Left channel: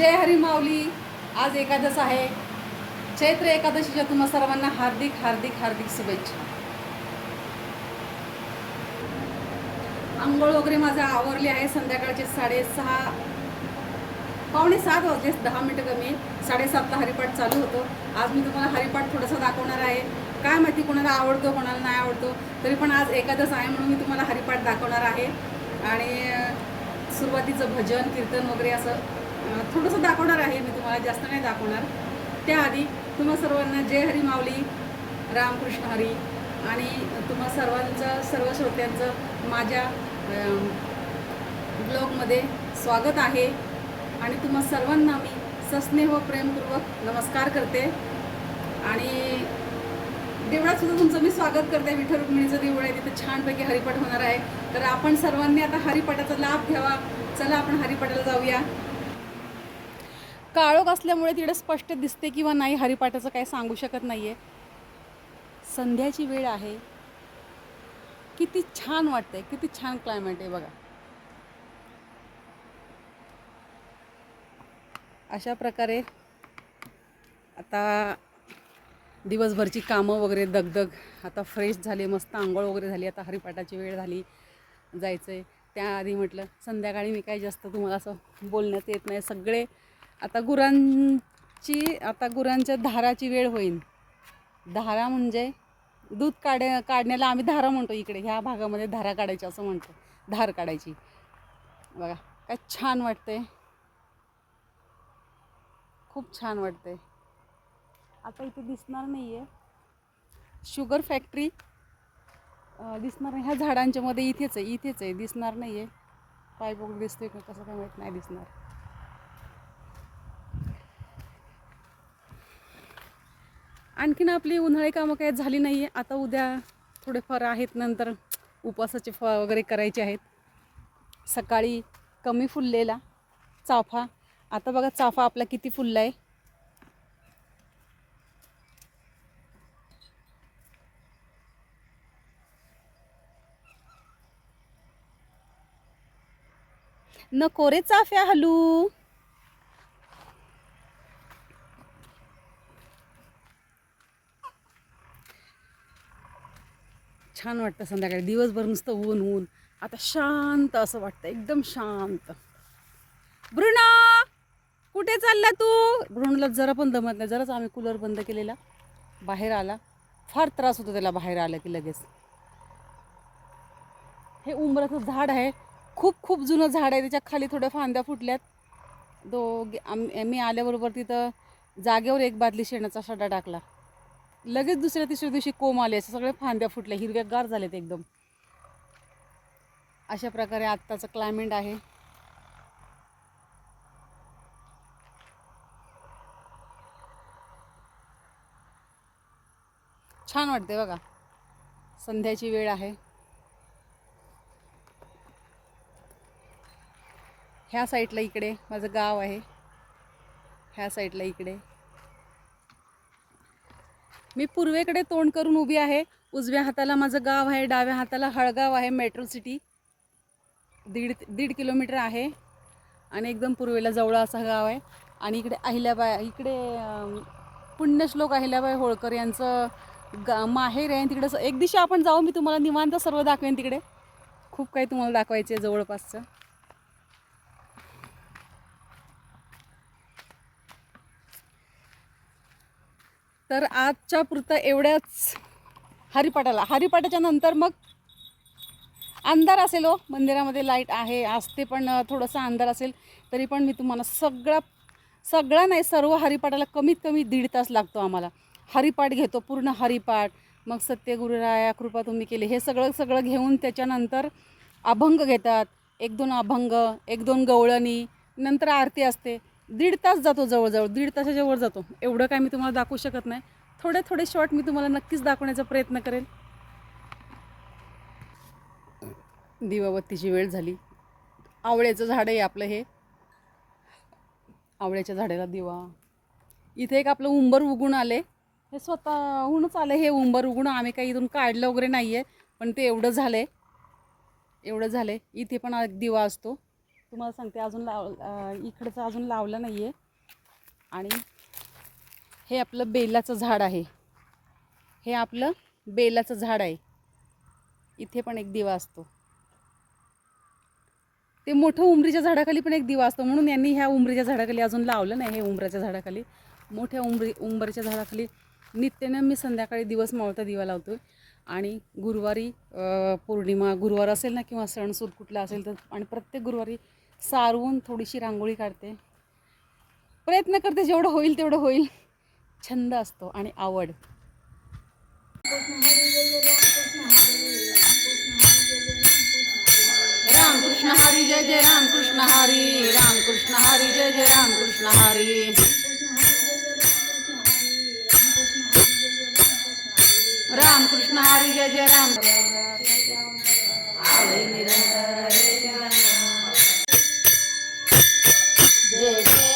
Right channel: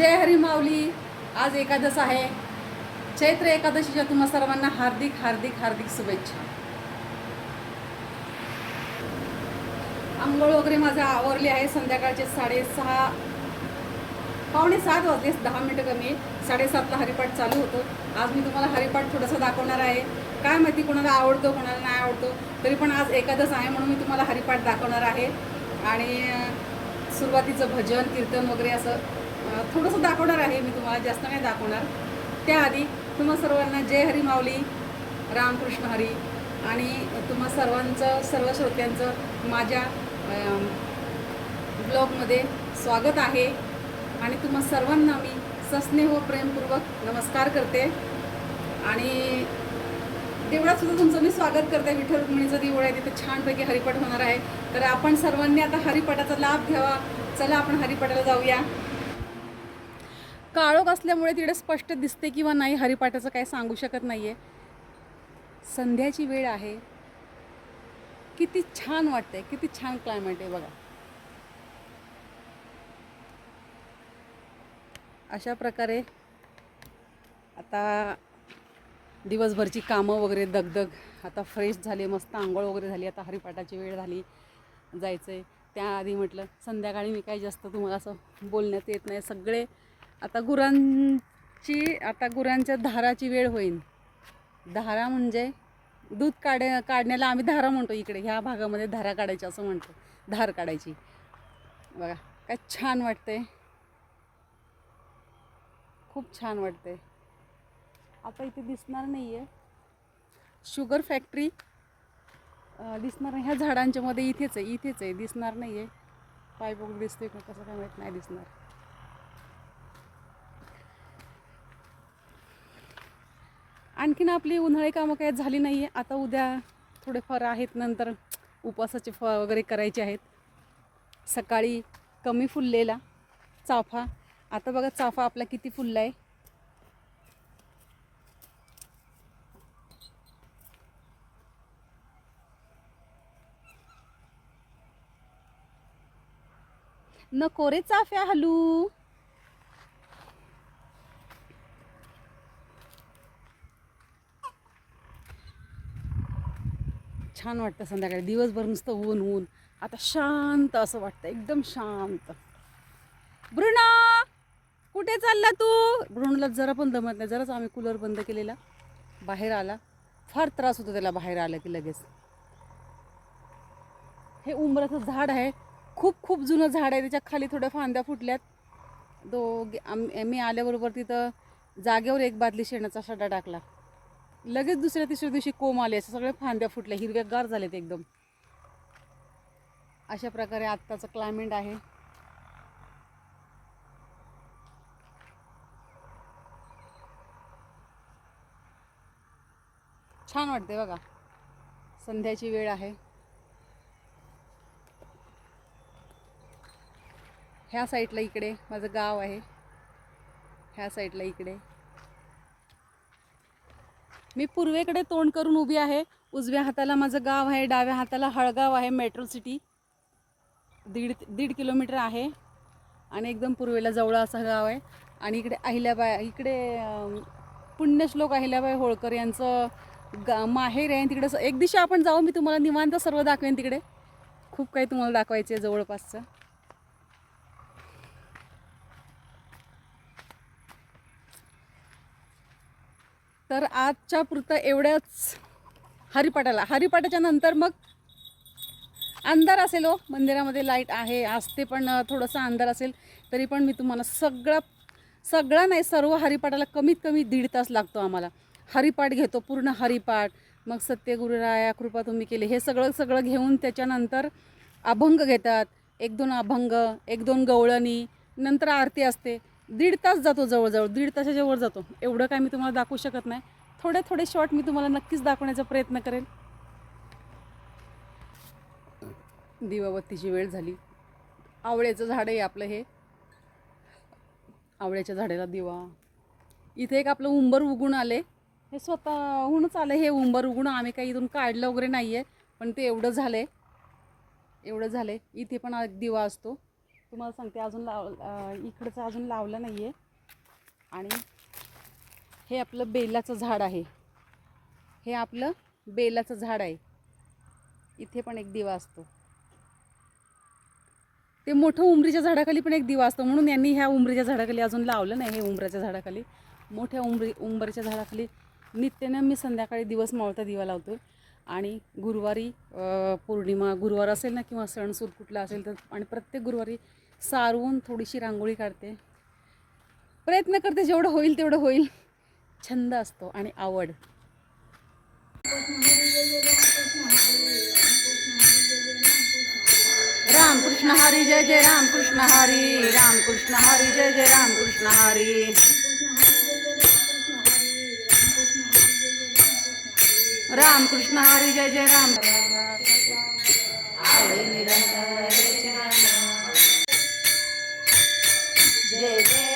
जय हरी माऊली. आज एकादश आहे. चैत्र एकादशीच्या तुम्हा सर्वांना हार्दिक हार्दिक हार्दिक शुभेच्छा. आंघोळ वगैरे माझं आवरली आहे. संध्याकाळचे साडेसहा पावणे सात वाजले दहा मिनटं कमी. साडेसातला हरिपाठ चालू होतं. आज मी तुम्हाला हरिपाठ थोडंसं दाखवणार आहे. काय माहिती कोणाला आवडतो कोणाला नाही आवडतो. तरी पण आज एकादश आहे म्हणून मी तुम्हाला हरिपाठ दाखवणार आहे. आणि सुरुवातीचं भजन कीर्तन वगैरे असं थोडंसं दाखवणार आहे मी तुम्हाला जास्त नाही दाखवणार. त्याआधी तुम्हा सर्वांना जय हरी माऊली रामकृष्ण हरी आणि तुम्हा सर्वांचं सर्व श्रोत्यांचं माझ्या ब्लॉगमध्ये स्वागत आहे. आणि तुम्हा सर्वांना मी सस्नेह व प्रेमपूर्वक नमस्कार करते. आणि देवळात सुद्धा तुमचं मी स्वागत करते. विठ्ठल रुक्मिणीचं देऊळ आहे तिथं छानपैकी हरिपाठ होणार आहे. तर आपण सर्वांनी आता हरिपाठाचा लाभ घ्यावा. चला आपण हरिपाठाला जाऊया. काळोख असल्यामुळे तिकडे स्पष्ट दिसते किंवा नाही हरिपाठाचं काही सांगू शकत नाही आहे संध्याची वेळ आहे. किती छान वाटते किती छान क्लायमेट आहे बघा. अशा प्रकारे आता दिवसभरची कामं वगैरे दगदग आता फ्रेश झाली मस्त आंघोळ वगैरे झाली आता हरिपाठाची वेळ झाली जायचं आहे त्याआधी म्हटलं संध्याकाळी मी काही जास्त तुम्हाला असं बोलण्यात येत नाही. सगळे आता गुरांची आता गुरांच्या धाराची वेळ होईल धारा म्हणजे दूध काढ काढण्याला आम्ही धारा म्हणतो इकडे. ह्या भागामध्ये धारा काढायची असं म्हणतो. धार काढायची. बघा काय छान वाटते खूप छान वाटते आता इथे दिसणार नाही आहे शुगर फॅक्टरी दिसणार नाही. ह्या झाडांच्या मध्ये इथेच आहे इथेच आहे. दिसणार नाही आहे पाय दिसते का कसं काय माहीत नाही दिसणार. आणखीन आपली उन्हाळी कामं काही झाली नाही आहे आता उद्या थोडेफार आहेत नंतर उपवासाचे फ वगैरे करायचे आहेत. सकाळी कमी फुललेला चाफा. आता बघा चाफा आपला किती फुलला आहे नको रे चाफ्या हलू. छान वाटतं संध्याकाळी. दिवसभर नुसतं ऊन ऊन. आता शांत असं वाटतं. एकदम शांत. बृणा कुठे चालला तू? बृणला जरा पण दमत नाही. जराच आम्ही कूलर बंद केलेला. बाहेर आला. फार त्रास होतो त्याला बाहेर आलं की लगेच. हे उंबराचं झाड आहे. खूप खूप जुनं झाड आहे. त्याच्याखाली थोड्या फांद्या फुटल्यात. दो आम मी आल्याबरोबर तिथं जागेवर एक बादली शेणाचा सडा टाकला. लगेच दुसऱ्या तिसऱ्या दिवशी कोंब आले असं सगळ्या फांद्या फुटल्या हिरव्यागार झालेत एकदम. अशा प्रकारे आत्ताचं क्लायमेट आहे. छान वाटते बघा. संध्याची वेळ आहे. ह्या साईडला इकडे माझं गाव आहे. ह्या साईडला इकडे. मी पूर्वेकडे तोंड करून उभी आहे. उजव्या हाताला माझं गाव आहे डाव्या हाताला हळगाव आहे मेट्रो सिटी. दीड दीड किलोमीटर आहे. आणि एकदम पूर्वेला जवळ असा गाव आहे. आणि इकडे अहिल्याबाई इकडे पुण्यश्लोक अहिल्याबाई होळकर यांचं गा माहेर आहे. तिकडे एक दिशा आपण जाऊ मी तुम्हाला निवांत सर्व दाखवेन तिकडे. खूप काही तुम्हाला दाखवायचं आहे जवळपासचं. तर आजच्या पुरतं एवढ्याच हरिपाठाला. हरिपाठाच्या नंतर मग अंधार असेल हो. मंदिरामध्ये लाइट आहे. असते पण थोडंसं अंधार असेल तरी पण मी तुम्हाला सगळा सगळा नाही सर्व हरिपाठाला कमीत कमी दीड तास लागतो आम्हाला. हरिपाठ घेतो पूर्ण हरिपाठ मग सत्यगुरुराया कृपा तुम्ही केली. हे सगळं सगळं घेऊन त्याच्यानंतर अभंग घेतात. एक दोन अभंग एक दोन गवळणी नंतर आरती असते. दीड तास जातो जवळजवळ दीड तासाच्या वर जातो. एवढं काय मी तुम्हाला दाखवू शकत नाही. थोडे थोडे शॉर्ट मी तुम्हाला नक्कीच दाखवण्याचा प्रयत्न करेन. दिवाबत्तीची वेळ झाली. आवळ्याचं झाड आहे आपलं हे. आवळ्याच्या झाडाला दिवा. इथे एक आपलं उंबर उगून आले. हे स्वतःहूनच आलं हे उंबर उगून. आम्ही काही इथून काढलं वगैरे नाही आहे पण ते एवढं झालं आहे एवढं झालं आहे इथे पण दिवा असतो. तुम्हाला सांगते अजून लाव इकडचं अजून लावलं नाही आहे आणि हे आपलं बेलाचं झाड आहे. हे आपलं बेलाचं झाड आहे. इथे पण एक दिवा असतो. ते मोठं उमरीच्या झाडाखाली पण एक दिवा असतो. म्हणून यांनी ह्या उमरीच्या झाडाखाली अजून लावलं नाही हे उमराच्या झाडाखाली. मोठ्या उंबरी उंबरच्या झाडाखाली नित्यानं मी संध्याकाळी दिवस मावळता दिवा लावतो आणि गुरुवारी पौर्णिमा गुरुवार असेल ना किंवा सणसूद कुठला असेल तर आणि प्रत्येक गुरुवारी सारवून थोडीशी रांगोळी काढते. प्रयत्न करते जेवढं होईल तेवढं होईल. छंद असतो आणि आवड. रामकृष्ण हरी जय जय रामकृष्ण हरी रामकृष्ण हरी जय जय रामकृष्ण हरी. रामकृष्ण हरी जय जय राम. निरंतर जय जय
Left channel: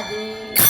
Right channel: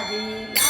Cidade.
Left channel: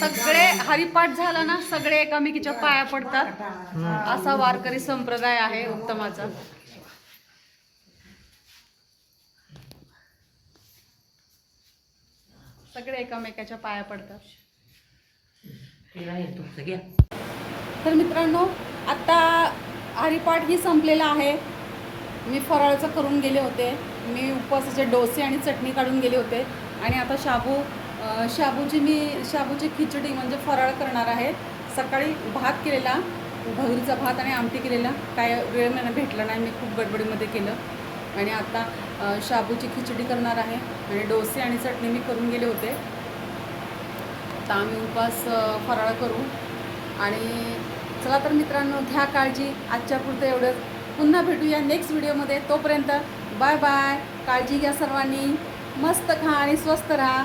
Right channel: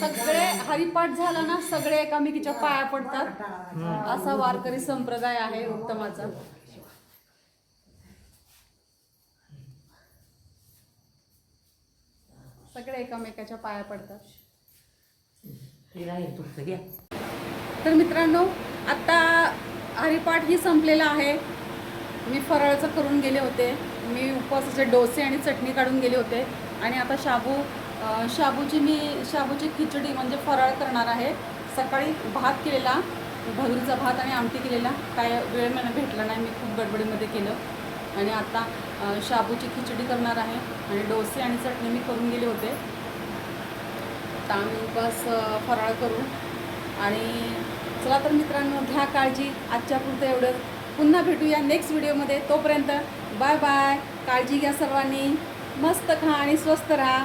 सगळे हरिपाठ झालं ना सगळे एकामेकीच्या पाया पडतात. असा वारकरी संप्रदाय आहे उत्तमाचा. सगळे एकामेकाच्या पाया पडतात. तर मित्रांनो आता हरिपाठ ही संपलेला आहे. मी फराळाचं करून गेले होते. मी उपवासाचे डोसे आणि चटणी काढून गेले होते. आणि आता शाबू शाबूची मी शाबूची खिचडी म्हणजे फराळ करणार आहे. सकाळी भात केलेला भगरीचा भात आणि आमटी केलेला. काय वेळ मला भेटला नाही मी खूप गडबडीमध्ये केलं. आणि आता शाबूची खिचडी करणार आहे आणि डोसे आणि चटणी मी करून गेले होते. आता आम्ही उपास फराळ करू. आणि चला तर मित्रांनो घ्या काळजी. आजच्या पुरतं एवढं. पुन्हा भेटूया नेक्स्ट व्हिडिओमध्ये तोपर्यंत बाय बाय काळजी घ्या सर्वांनी. मस्त खा आणि स्वस्त राहा.